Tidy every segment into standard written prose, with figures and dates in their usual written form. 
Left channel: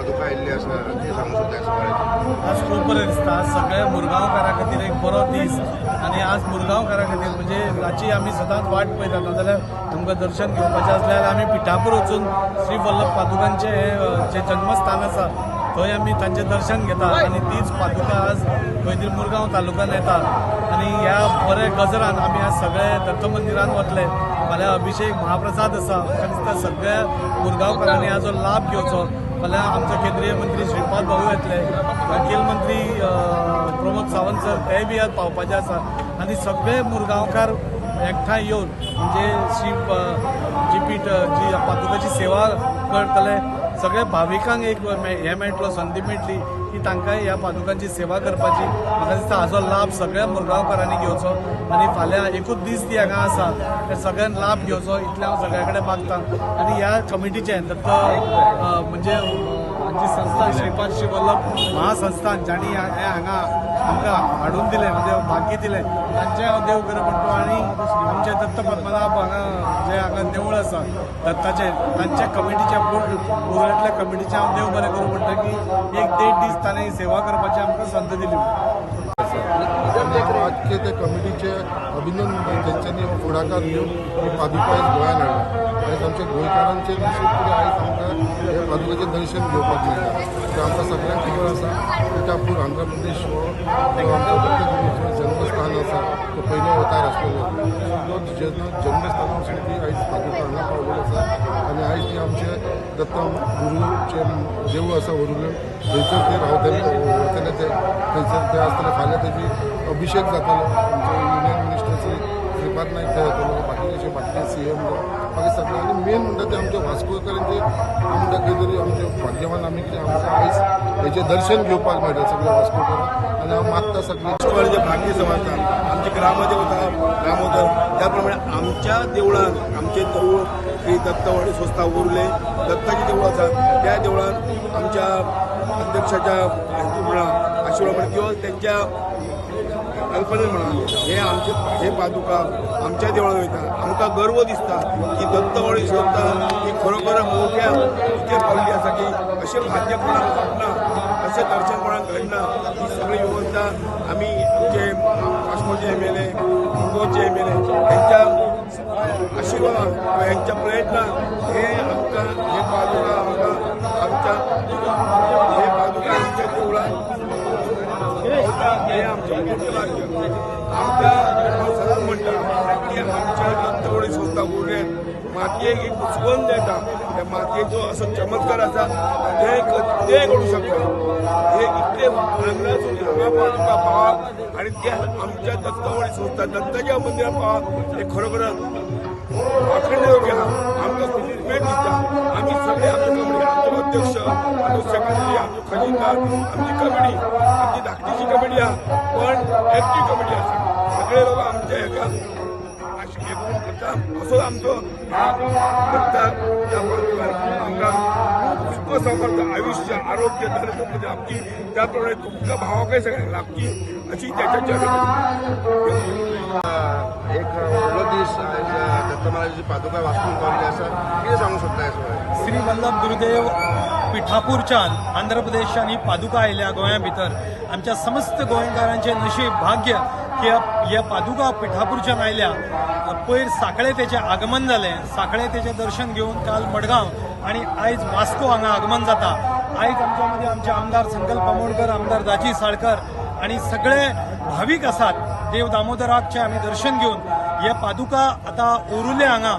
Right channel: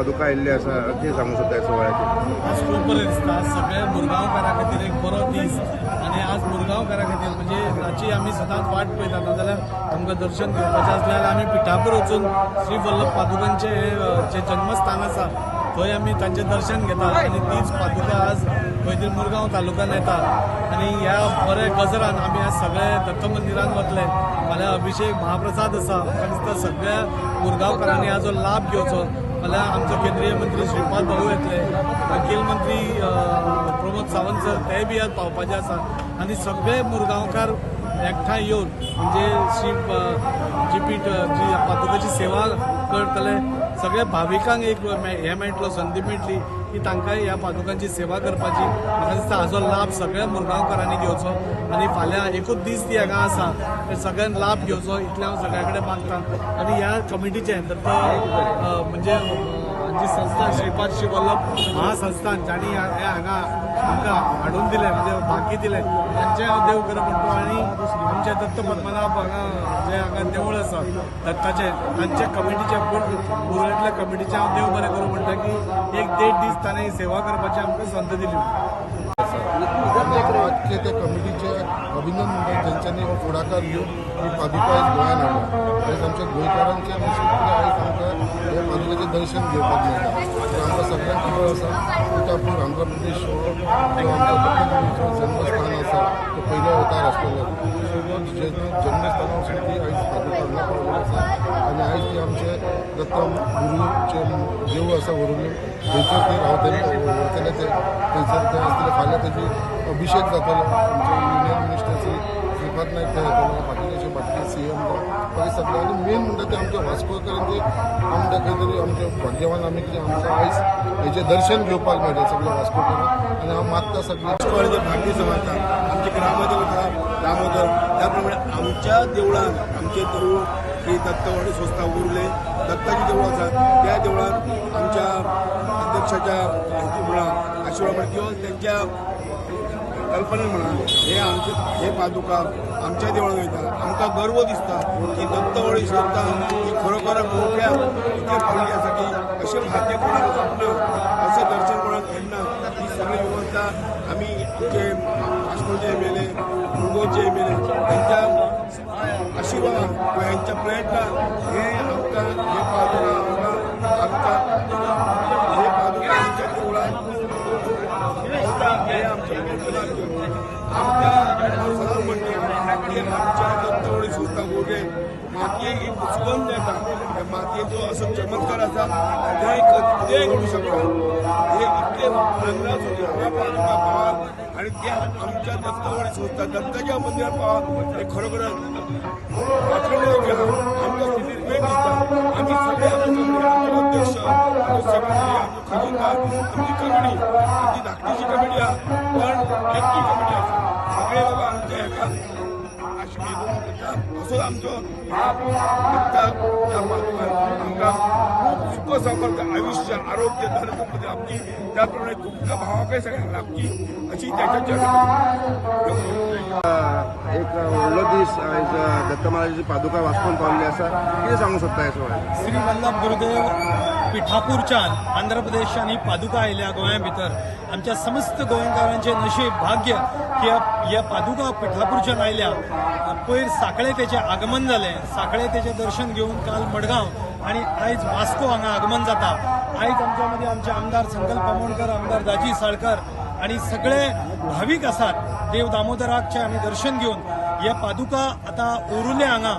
पादुका आयिल्ली आसा कितें सांगू शकता? आज खूब बरें दिसता. सगळ्या मुरगांवकारां खातीर एक बरो दीस आनी आज मुरगांवकारां खातीर म्हणजे राची आमी सदांच वाट पळयता. नाजाल्यार आमकां दर्शन घेवपाचें आसल्यार आमी पिठापूर वचून श्री वल्लभ पादुकांचे जे जन्मस्थान आसा थंय आमी तांचें दर्शन घेता आनी तीच पादुका आज खंय तरी मुरगांव तालुक्यान येता. आनी ह्या बऱ्या गजरान आमी आज सगळे दत्त मंदिरान वतले. फाल्यां अभिषेक महाप्रसाद आसा. म्हाका दिसता सगळ्या मुरगांवकारांनी हाजो लाभ घेवचो. फाल्यां आमचो केंद्रीय मंत्री श्रीपाद भाऊ येतले, मुखेल मंत्री प्रमोद सावंत सर ते बी आज पावपाचे आसा आनी सगळे मुरगांवकार एकठांय येवन म्हणजे जी पीठ जी पादुकाची सेवा करतले सगळे भाविकांक एक हे मेळटलो, संदी मेळटली की तांकां ह्या पादुकांची सेवा करपाची. म्हाका दिसता हाजो लाभ सगळ्या मुरगांवकारांनी घेवचो आनी फाल्यां एकूच दीस ती हांगा आसा ते सगळ्यांक लाभ घेवचो इतलें हांव सगळ्या कडेन मागतां. आनी ह्या कमिटीचें दत्त म्हणजे जी संस्था श्रीपाद श्री वल्लभ महासंस्थान जाणी हे हांगा आमकां हाडून दिलें म्हणजे भाग्य दिलें तांचें हांव देव बरें म्हणटो. आनी आमचे दत्त पद्मनाभ हांगा जे हांगा देवूळ आसा दत्ताचें तांच्या कमिटीच्या पुरातल्या कमिटीचें हांव देव बरें करूं म्हणटा की एक 1.5 दीस ताणें सेवा करपाची आमकां संद दिली. आजचे त्या कमिटीचे अभिनंदन म्हणटा जेंच्यांनी हो फुडाकार घेवन ही पादुका आयज गोंयांत हाडला. आयज आमच्या गोंयकारांचें नशीब कितें आयज आमकां हे पादुकेचें दर्शन घेवपाक मेळटा. तर आमकां सगळ्यांक खबर आसा पिठापूर आंध्र प्रदेश हो जो आमचो दत्तगिरीचो जन्मस्थान आसा तो पयलो अवतार आसलेलो. सो तो जन्मस्थाना वचून ती आयज पादुका हांगा पावलेली आसा आनी आयज ती आमचे दत्त गुरूचे देवूळ आसा वरुलें थंयसर ते रावतले व्हरतले ते थंयसर ते आसतले. फाल्यां तेजी अभिषेक जातलो. आमचे युनियन मिनिस्टर श्रीपाद नायक थंय येतलो, बाकीचे CM बाकी सगळे. आनी मेन म्हणटा ते आमचे वास्कोकारांचे आमचे खंय तरी आमचे भाग्यवान आमी कितें आमकां आयज हेचें दर्शन घेवपाक मेळटा सगळे वास्कोकारांक. आनी हांव मागता सगळे जे भाग्य समाजात आमचे ग्रामदेवता दामोदर त्याप्रमाणे आमच्या देवळात आमचे देऊळ ही दत्तवाडी संस्था उरले दत्ताची देवळं आसात त्या देवळात आमच्या अध्यक्षाच्या म्हणा आशिर्वाद म्हणा किंवा त्यांच्या कल्पने म्हणा हे पादुका आमच्या देवळात वयता. आमकां गर्व दिसता की दत्तवाडी संस्था ही खरोखर मोठ्या इतके पावली आसा की अशें भाग्य कोणाक लाभना, अशें दर्शन कोणाक घडना. ही सगळी व्यवस्था आमी आमचे वास्कोचे MLA मुरगांवचे MLA यांच्या आशिर्वादान किंवा यांच्या प्रयत्नान हे आमकां हे पादुका आमच्या देवळात हे आमचें मोठें भाग्य. आमकां सदांच म्हणटा की आमच्या दत्तवाडी संस्था उरले मातयेक एक सुगंध येता. त्या मातयेचो असो चमत्कार आसा ते घडूं शकता. हे इतले हांगासून हांगा पादुका पावप आनी ते आमच्या दत्तवाडी संस्था दत्ताच्या मंदिरात पावप हे खरोखरच वाखणणे योग्य आहा. आमकां खूब उमेद दिसता. आमी सगळे आमचे कमिटी आमचे अध्यक्ष आमचे सेक्रेटरी आमचे खजिनदार आमची कमिटी आमची धाकटीशी कमिटी आहा पण एक्टीव कमिटी आसा. सगळे लोक आमच्या हेका आशिर्वाद करता. असो आमचो दत्ता त्या पादुकान आमकां सुख समर्थ आयुष्य आरोग्य धन संपत्ती लाभची त्याप्रमाणे तुमच्या भावाकय सगळ्यांक लाभची अशी त्याच्या एक व्हडलो दीस दत्त महाराजाची पादुका वास्कोन पावल्ली आसा. कितें सांगू शकता? श्री वल्लभ गुरुदेव पिठापूरच्यान आंध्र प्रदेशान ही पादुका आयल्या गोंया भितर. आमच्या समस्त गोंयकारांचे नशीब भाग्य की ह्या पादुका पिठापूरच्यान आयल्या. पयर साखळे तेचें आगमन जालें. साखळे तेचें दर्शन घेवन काल मडगांव आनी आयज वास्को हांगा आगमन जाता. आयज आमच्या मदीं आमचे आमदार संकल्प आमोणकर आमदार दाजी साळकर आनी सगळे भावीक आसात. देव दामोदराकचे आमी दर्शन घेवन हे पादुका आता ओरुले हांगा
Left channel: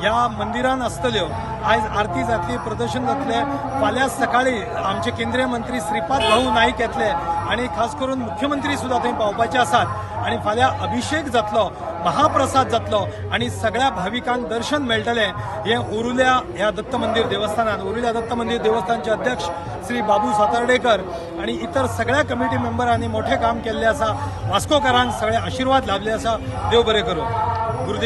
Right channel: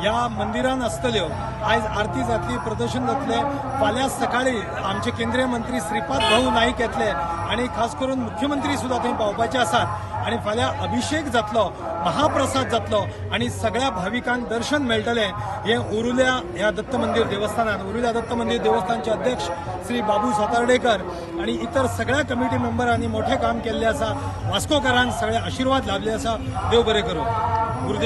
ह्या मंदिरान आसतल्यो. आयज आरती जातली, प्रदर्शन जातले. फाल्यां सकाळी आमचे केंद्रीय मंत्री श्रीपाद भाऊ नाईक येतले आणि खास करून मुख्यमंत्री सुद्धा थंय पावपाचे आसात आणि फाल्यां अभिषेक जातलो, महाप्रसाद जातलो आणि सगळ्या भाविकांक दर्शन मेळटले. हे ओरुल्या ह्या दत्त मंदिर देवस्थानात, ओरुल्या दत्त मंदिर देवस्थानचे अध्यक्ष श्री बाबू सातर्डेकर आणि इतर सगळ्या कमिटी मेंबरांनी मोठे काम केल्ले आसा. वास्कोकारांक सगळे आशीर्वाद लाभले आसा. देव बरें करूं. गुरुदेव.